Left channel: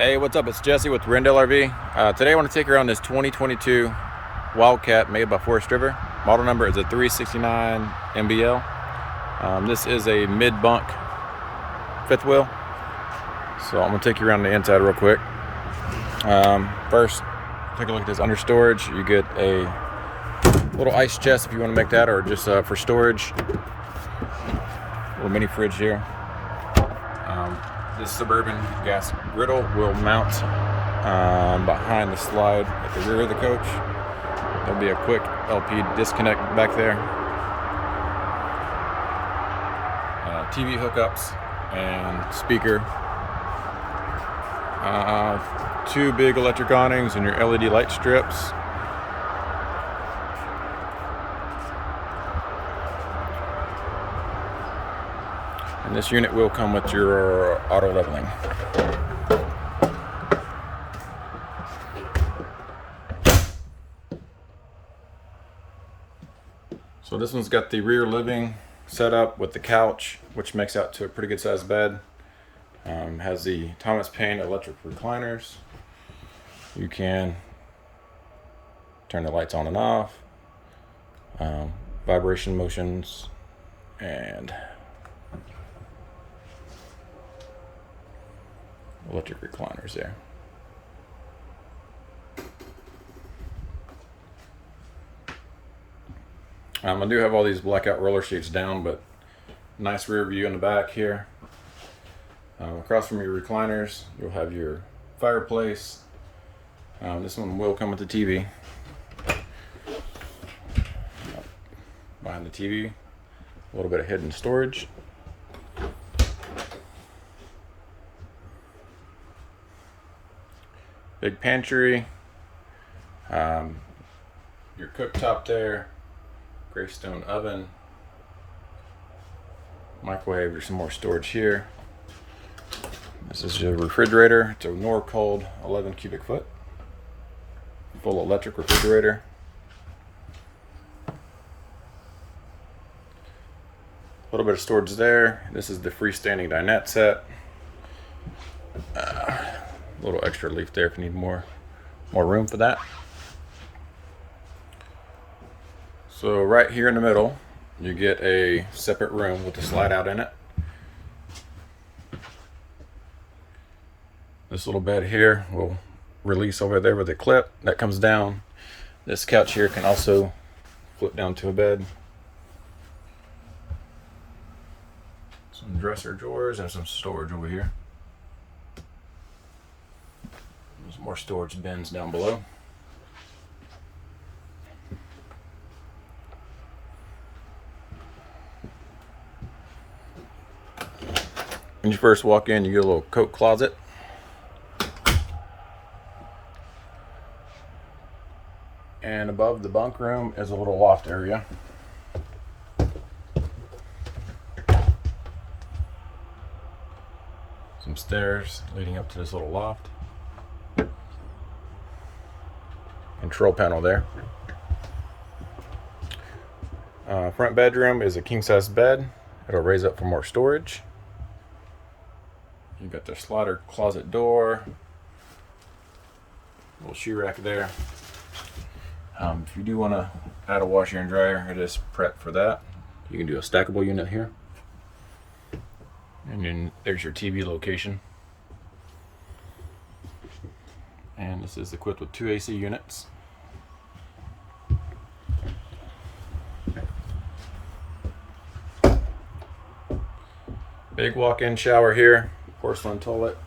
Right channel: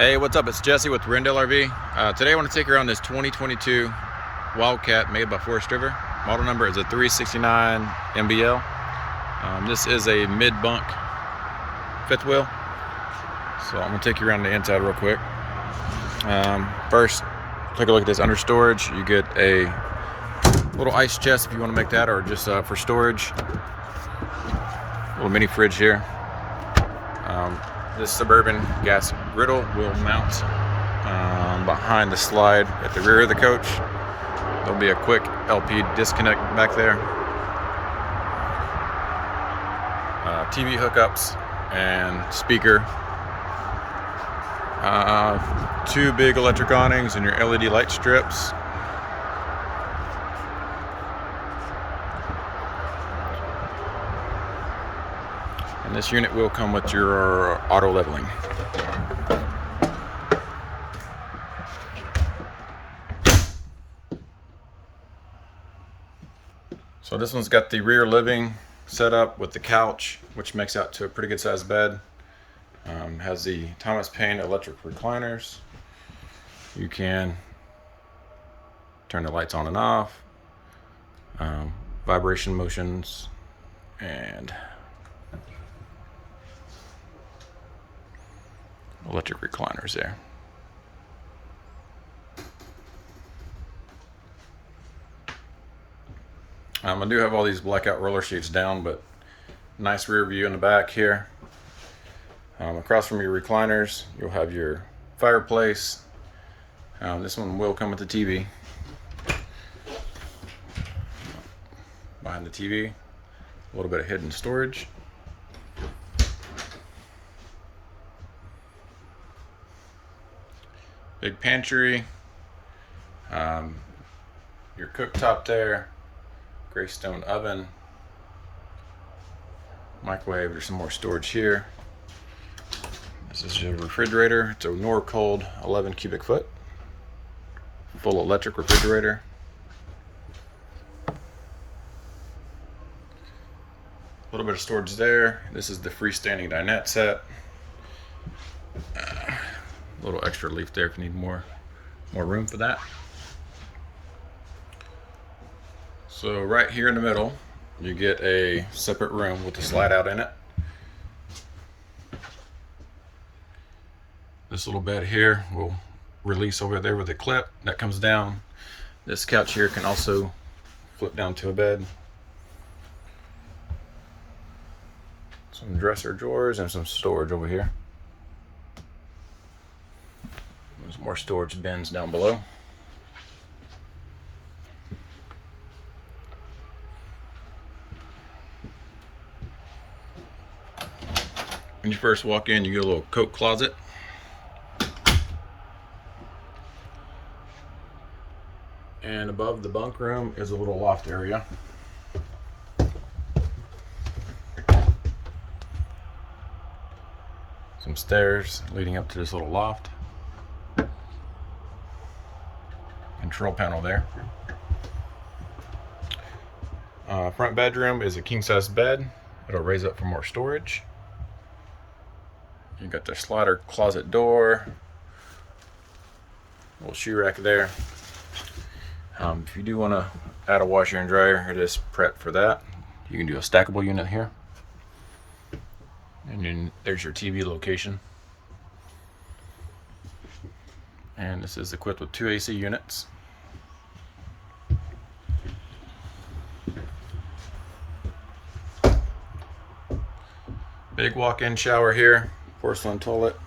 Hey, what's up? It's Jesse with Rendell RV. Today I want to take you around this 2022 Wildcat made by Forest River. Model number is a 369MBL. This is a mid-bunk fifth wheel. So I'm going to take you around the inside real quick. First, take a look at this under storage. You get a little ice chest if you want to make that, or just for storage. Little mini fridge here. This Suburban gas griddle will mount behind the slide at the rear of the coach. There'll be a quick LP disconnect back there. TV hookups and speaker. Two big electric awnings and your LED light strips. And this unit will come with your auto leveling. So this one's got the rear living set up with the couch, which makes out to a pretty good sized bed. Has the Thomas Paine electric recliners. You can turn the lights on and off, vibration motions, and electric recliners there. I do have all these blackout roller sheets down, but nice rear view in the back here. Across from your recliners, you'll have your fireplace. This one will come with the TV. Behind the TV, a little bit of hidden storage. Big pantry, your cooktop there, gray stone oven, microwave. There's some more storage here. This is your refrigerator. It's a Norcold 11 cubic foot, full electric refrigerator. A little bit of storage there. This is the Freestanding Dinette set. A little extra leaf there if you need more room for that. So right here in the middle, you get a separate room with a slide out in it. This little bed here will release over there with a clip that comes down. This couch here can also flip down to a bed. Some dresser drawers and some storage over here. There's more storage bins down below. When you first walk in, you get a little coat closet. And above the bunk room is a little loft area. Some stairs leading up to this little loft. Control panel there. Front bedroom is a king size bed. It'll raise up for more storage. You got the slider closet door, little shoe rack there. If you do want to add a washer and dryer, it is prepped for that. You can do a stackable unit here. And then there's your TV location. And this is equipped with 2 AC units. Big walk-in shower here, porcelain toilet,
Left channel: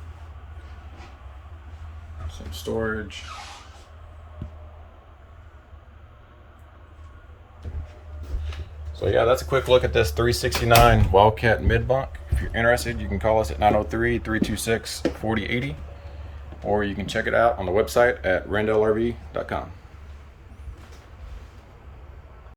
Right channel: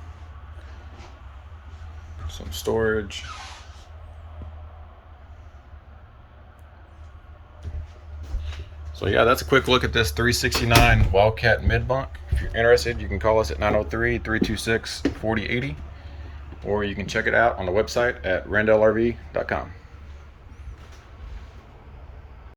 some storage. So yeah, that's a quick look at this 369 Wildcat mid-bunk. If you're interested, you can call us at 903-326-4080, or you can check it out on the website at rendelrv.com.